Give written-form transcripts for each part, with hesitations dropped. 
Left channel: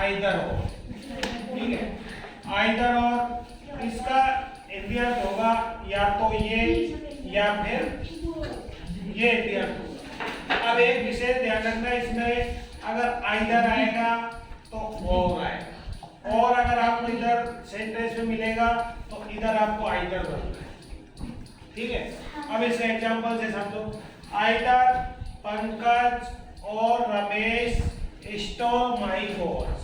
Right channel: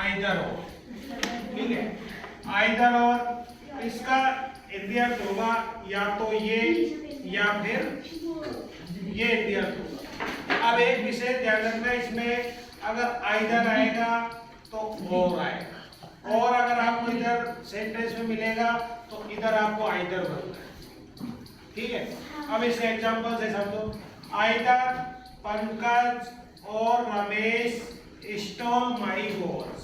Either और, ठीक है, आइदर और इसका इंडियन होगा या तो ये या फिर ये इंडियन होगा। अब एक विषय ध्यान रखना, इसमें अगर आइदर आएगा तो और आएगा, और अगर आपको इधर सेंटेंस में मिलेगा तो इधर आपको आइदर बनना है, ठीक है। अब इसका एग्जांपल से समझो, आइदर पंकज और रमेश स्टोल माई वॉच,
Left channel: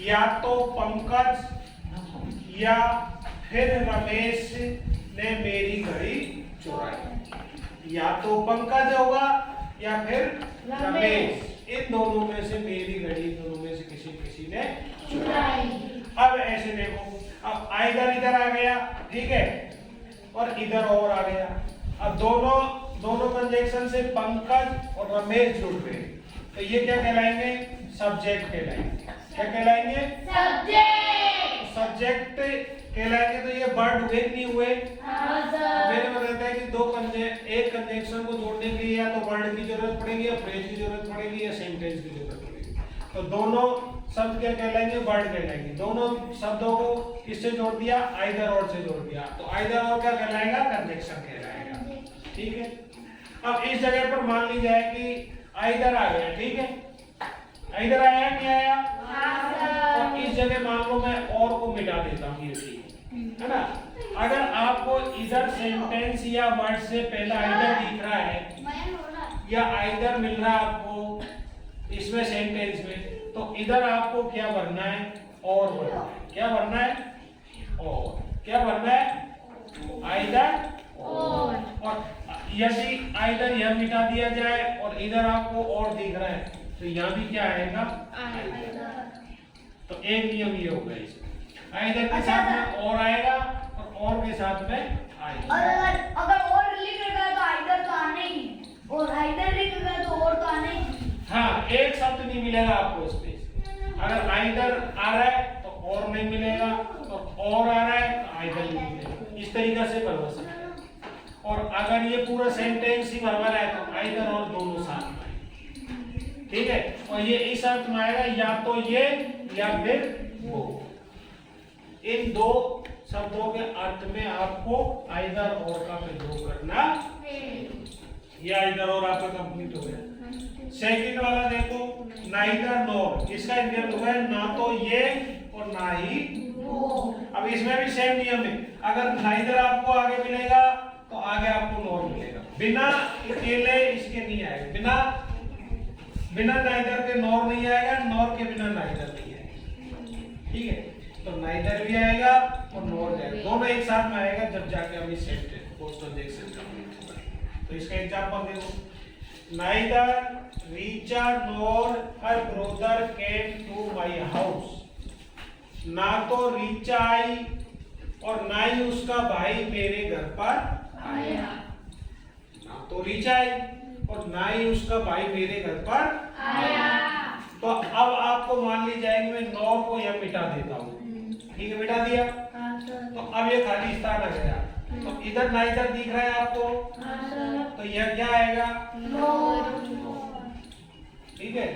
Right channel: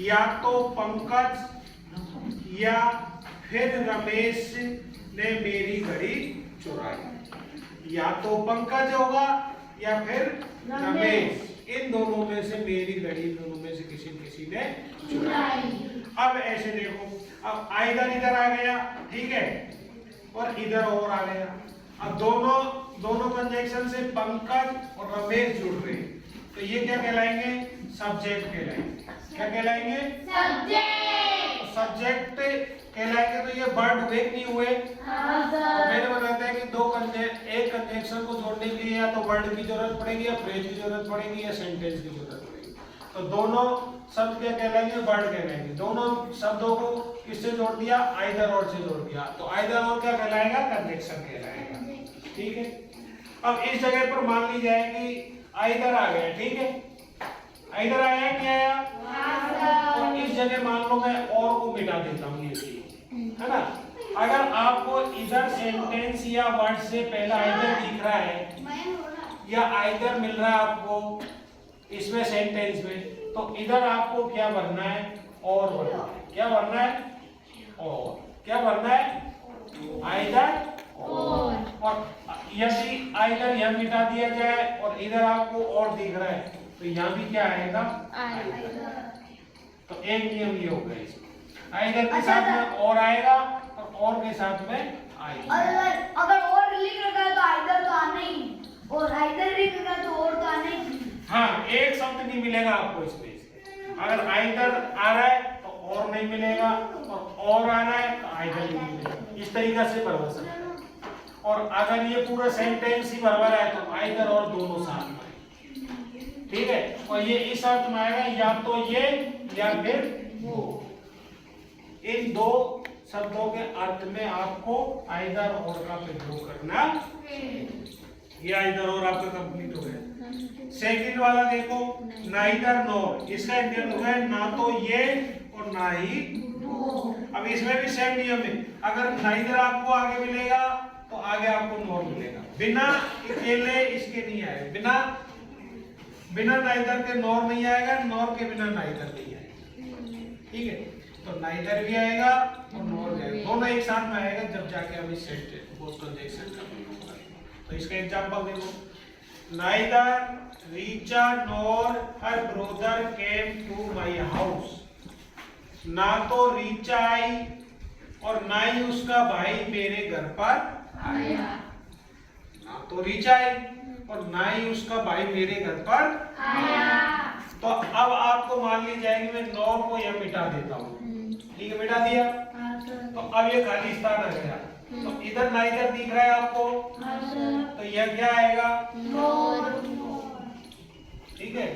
या तो पंकज या फिर रमेश ने मेरी घड़ी चुराई। या तो पंकज होगा या फिर रमेश, इन दोनों में से मेरी घड़ी, दोनों में से किसी ने चुराई। अब ऐसे देखो, अब आइदर इधर आ गया, ठीक है, और इधर और आ गया। अब दोनों कंजक्शन से पंकज और रमेश जुड़ रहे हैं, तो ये क्या कहलाएंगे? सब्जेक्ट कहलाएंगे। क्या कहलाएंगे? सब्जेक्ट कहलाएंगे। तो ये वर्ड हुए कि नहीं हुए? मैंने बताया था कि एक कंजक्शन को जोड़ने के लिए या तो वर्ड की जरूरत पड़ेगी, या फ्रेज की जरूरत पड़ेगी, या सेंटेंस की जरूरत पड़ेगी। तो दोनों शब्द क्या कहलाएंगे? वर्ड कहलाएंगे। दोनों शब्दों को किससे जोड़ दिया? आइदर और से जोड़ दिया, तो आइदर और क्या कहलाएगा? कंजक्शन कहलाएगा, ठीक है। अब इस जगह पर मान ली जाए कि आइदर आ गया, ठीक है, आइदर आया, क्या आया? और इस जगह मान लो मैं और को मिटा देता हूँ, ये है ना। अगर आपको इधर सेंटेंस या वर्ड से पहला आइदर दिख रहा है या आइदर मिल रहा है आपको इसमें सेंटेंस में, तो इधर आपको क्या भरना है? और भरना है। क्या भरना है? और। क्या भरना है? आइदर और यदि आइदर यह मिटा दिया जाए और इधर आपको और दिख रहा है, तो यहाँ भी क्या आएगा? तो एक नियम ये होगा इसमें, आइदर के साथ में और आएगा और के साथ में आएगा। अगर और लिख रखा है तो आइदर तो आना ही, और आइदर लिख रखा है तो और तो आना ही। हाँ, एक शब्द नहीं मिलेगा आपको इसमें। अगर आइदर आ रहा है तो और नहीं मिलेगा, और आ रहा है तो आइदर नहीं मिलेगा। इस तरीके से भरवा सकते हैं। और अगर ये पूरा सेंटेंस ही भरवा रहा है तो आइदर और दोनों साथ में, ठीक है। और ये इस अर्थ में आएगा, या तो ये या फिर वो। इन दो शब्दों के अर्थ में आपको आइदर और का प्रयोग करना। ये आइदर और आपका कंप्लीट हो गया। सेकंड वाला देखो, नाइदर नॉर, इसका इंडियन होगा ना तो ये और ना ही वो। अब इसमें भी सेम नियम है, अगर नाइदर आपको आगे मिलेगा तो आगे आपको नॉर मिलेगा। बिना अकेले इसके नहीं आएगा, बिना नाइदर के नॉर नहीं आएगा, नॉर के बिना नाइदर नहीं आएगा, ठीक है। तो नाइदर भी आएगा और नॉर भी आएगा, दोनों एक साथ में आएगा जब जाके हम इस सेंटेंस पोस्ट कंजक्शन कंप्लीट होगा। तो इसका एग्जांपल देखो, neither Richa nor her brother came to my house. ना तो रीचा आई और ना ही उसका भाई मेरे घर पर आया। ना तो रीचा आई और ना ही उसका भाई मेरे घर पर आया। तो अब आपको मान ली जाएगी, मैं नॉर को यह मिटा देता हूँ, ठीक है, मिटा दिया। तो अब ये खाली स्थान आ गया, तो इधर नाइदर दिख रहा है आपको, तो यह क्या आएगा? नॉर, ठीक है।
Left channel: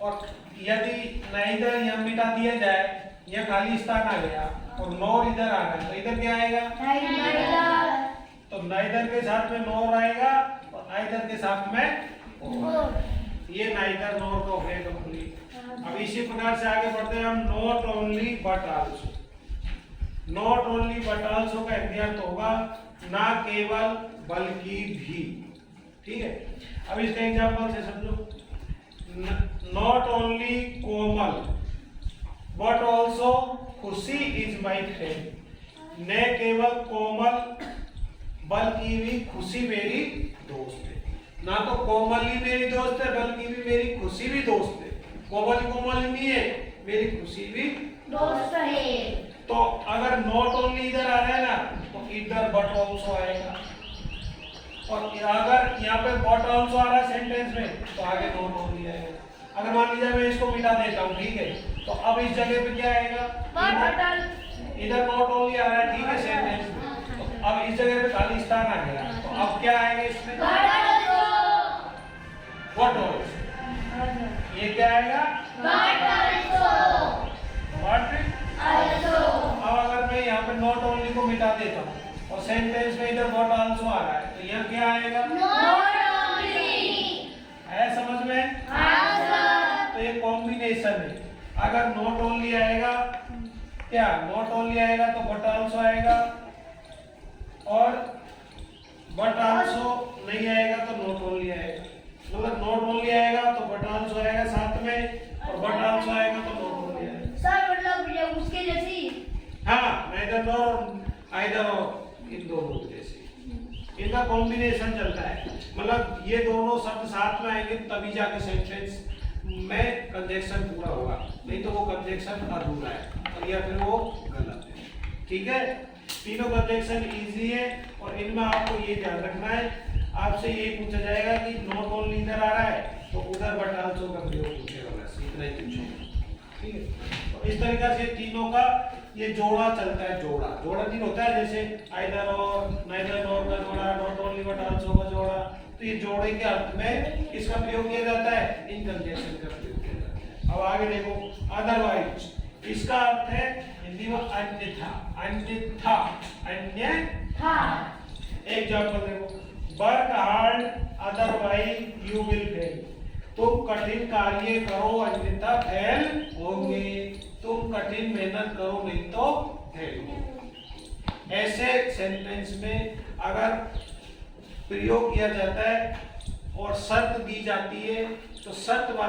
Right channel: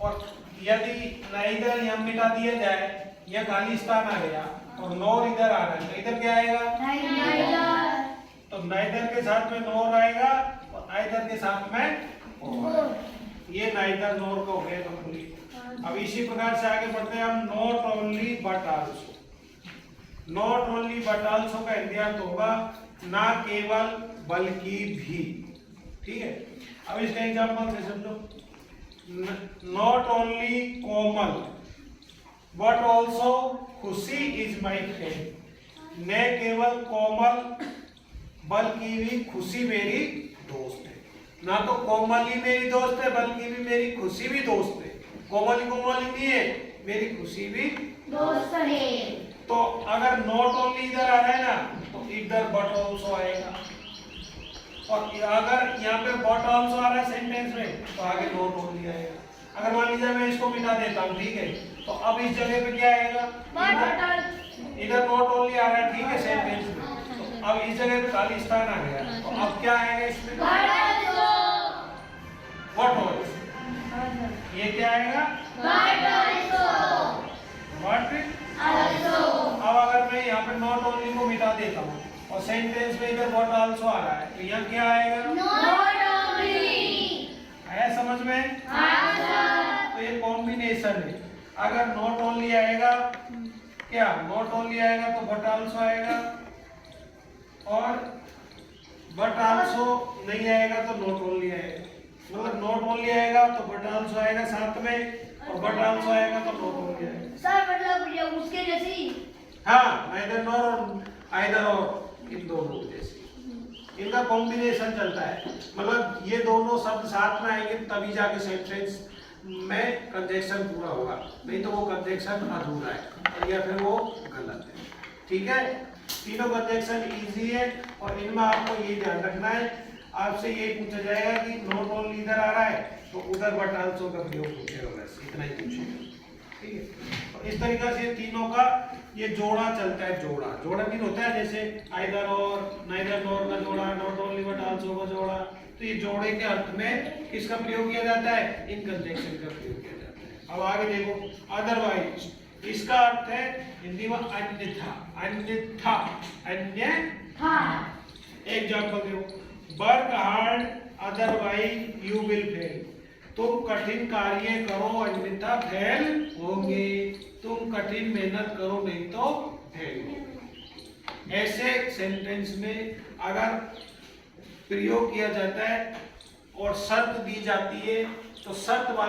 और यदि नाइदर यह मिटा दिया जाए, यह खाली स्थान आ गया और नॉर इधर आ रहा है, तो इधर क्या आएगा? नाइदर। तो नाइदर के साथ में नॉर आएगा और आइदर के साथ में और। ये नाइदर नॉर का हो गया कंप्लीट। अब इसी प्रकार से आगे बढ़ते हैं हम, not only but also. Not only but also का इंडियन होगा ना केवल बल्कि भी, ठीक है। अब इसका एग्जांपल से समझो, not only Komal but also खुशी इज माय फ्रेंड। न केवल कोमल बल्कि भी खुशी मेरी दोस्त है। ना तो कोमल ही मेरी दोस्त है बल्कि भी मेरी खुशी भी दोस्त है। कोमल ही नहीं है, मेरी खुशी भी दोस्त है। तो अगर नॉट ओनली इधर आ रहा है ना, तो इधर बट आल्सो आएगा। और अगर यहाँ पे बट आल्सो आ रहा है सेंटेंस में, तो आगे नॉट ओनली आएगा। अगर मान लीजिए मैं इसको मिटा देता हूँ, ठीक है, तो अब इस जगह पे क्या आएगा? इधर नॉट ओनली आ रहा है, ठीक है, सेंटेंस में। तो अब इस जगह पे खाली स्थान आ गया, तो अब क्या आएगा इसमें? What also. ये क्या आएगा? But अब अगर मैं यहाँ पे नॉट ओनली को मिटा देता हूँ और सेंटेंस में इधर व्हाट आल्सो आ रहा है तो यहाँ क्या आएगा? है समझ में? तो ये कॉम्बिनेशन है। अगर नॉट ओनली आएगा, क्या नॉट ओनली आएगा तो बट आल्सो आएगा, और बट आल्सो नहीं आएगा तो नॉट ओनली आएगा। मतलब नॉट ओनली आएगा तो बट आल्सो आएगा साथ में, और बट आल्सो आएगा तो नॉट ओनली आएगा। सर मतलब ये उसके जैसे ही। हाँ, आइदर नॉर और आइदर और, इन दोनों जैसे इनका कॉम्बिनेशन चलता है। मतलब ये दोनों शब्द साथ में आएंगे तभी जाके सेंटेंस में कंजक्शन पूरा होगा, नहीं तो वो कंजक्शन अधूरा है या फिर वो गलत है। ठीक है, तीनों कंजक्शन इजी है और इनमें आपको ये ध्यान रखना है, आपसे ये पूछा जाएगा कि नॉट ओनली इधर आ रहा है तो उधर बट आल्सो का प्रयोग पूछेगा, बस इतना ही पूछेगा। ठीक है, तो इस तरीके से तीनों का ये जोड़ा चलता है। जोड़ा नहीं होता है जैसे आइदर और, नाइदर नॉर का जोड़ा, नॉट ओनली बट आल्सो का जोड़ा। तो ये जोड़े के अर्थ में किसका प्रयोग किया जाता है? इन कंजक्शन का प्रयोग किया जाता है। अब आगे देखो, अदरवाइज इसका अर्थ है हिंदी में अन्यथा। अन्यथा, अन्यथा। एग्जांपल देखो, work hard otherwise you will fail. तुम कठिन कार्य करो अन्यथा फेल होंगे। तुम कठिन मेहनत करो नहीं तो फेल होंगे। ऐसे सेंटेंस में अगर प्रयोग किया जाता है और शर्त दी जाती है तो शर्त